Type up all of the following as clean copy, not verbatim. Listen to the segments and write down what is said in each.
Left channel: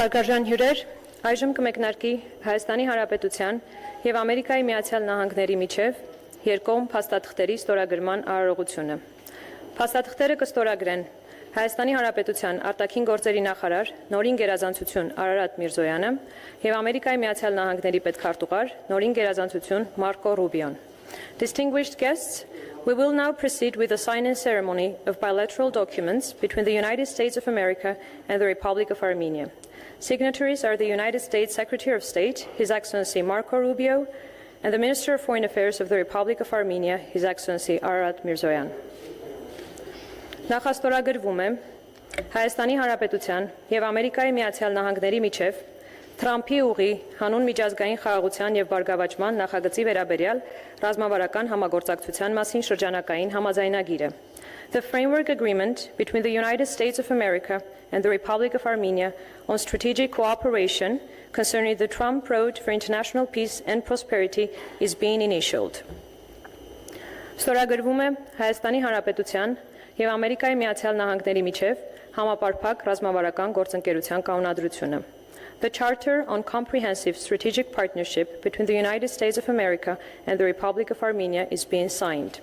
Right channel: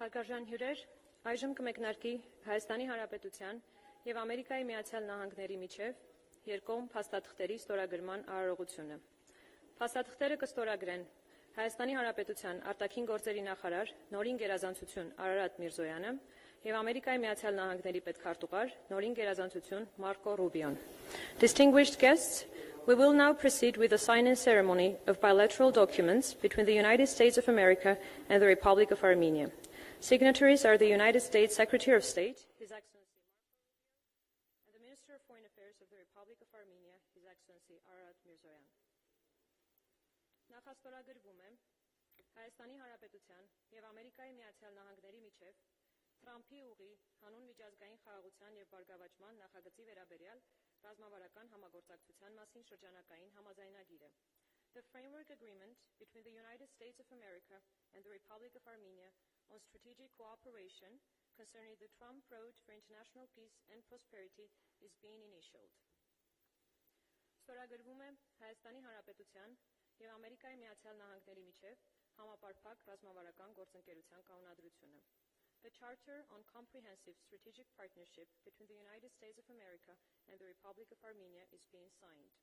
Հարգարժան հյուրեր, այժմ կմեկնարկի Հայաստանի Հանրապետության և Ամերիկայի Միացյալ Նահանգների միջև երկկողմ փաստաթղթերի ստորագրման արարողությունը։ Փաստաթղթերը կստորագրեն Հայաստանի Հանրապետության արտաքին գործերի նախարար նորին գերազանցություն Արարատ Միրզոյանը և Ամերիկայի Միացյալ Նահանգների պետքարտուղար նորին գերազանցություն Մարկո Ռուբիոն։ Distinguished guests, we will now proceed with the sign-in ceremony of bilateral documents between the United States of America and the Republic of Armenia. Signatories are the United States Secretary of State, His Excellency Marco Rubio, and the Minister of Foreign Affairs of the Republic of Armenia, His Excellency Ararat Mirzoyan. Նախաստորագրվում է Հայաստանի Հանրապետության և Ամերիկայի Միացյալ Նահանգների միջև Թրամփի ուղի հանուն միջազգային խաղաղության և բարգավաճման նախագծի վերաբերյալ ռազմավարական համագործակցության մասին շրջանակային համաձայնագիրը. The framework agreement between the United States of America and the Republic of Armenia on strategic cooperation concerning the Trump Road for International Peace and Prosperity is being initialed. Ստորագրվում է Հայաստանի Հանրապետության և Ամերիկայի Միացյալ Նահանգների միջև համապարփակ ռազմավարական գործընկերության կանոնադրությունը. The Charter on Comprehensive Strategic Partnership between the United States of America and the Republic of Armenia is being signed.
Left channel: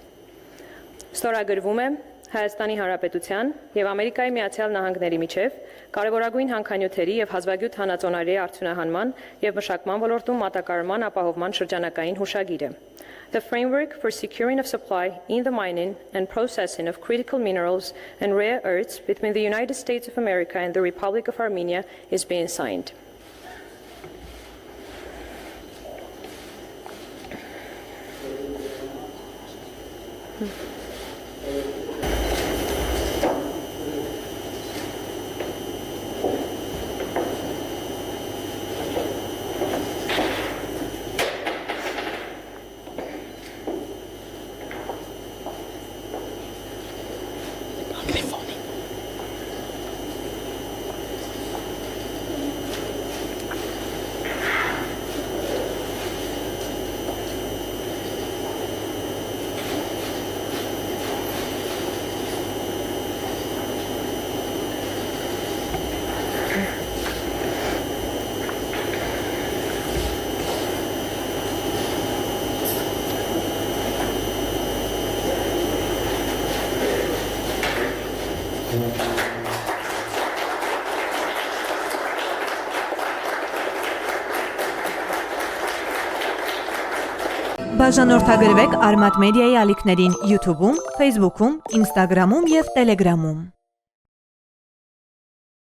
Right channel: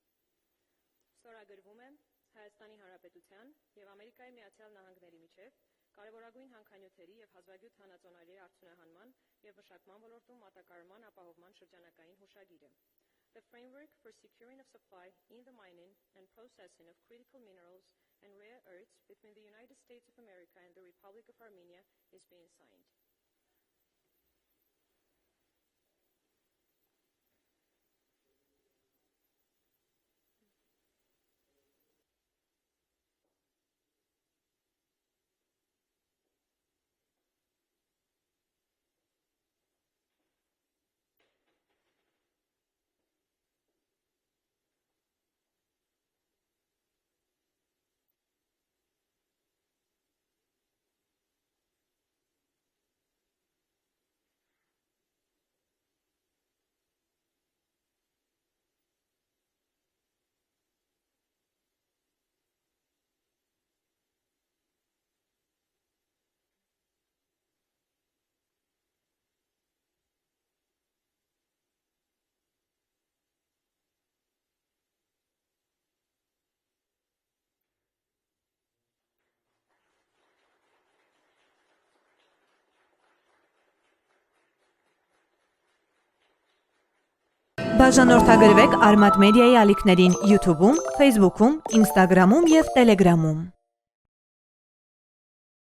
Ստորագրվում է Հայաստանի Հանրապետության և Ամերիկայի Միացյալ Նահանգների միջև կարևորագույն հանքանյութերի և հազվագյուտ հանածոնարի արդյունահանման և մշակման ոլորտում մատակարարման ապահովման շրջանակային հուշագիրը. The framework for securing of supply in the mining and processing of critical minerals and rare earths between the United States of America and the Republic of Armenia is being signed. Բաժանորդագրվեք Արմատ մեդիայի ալիքներին YouTube-ում, Facebook-ում, Instagram-ում և Telegram-ում։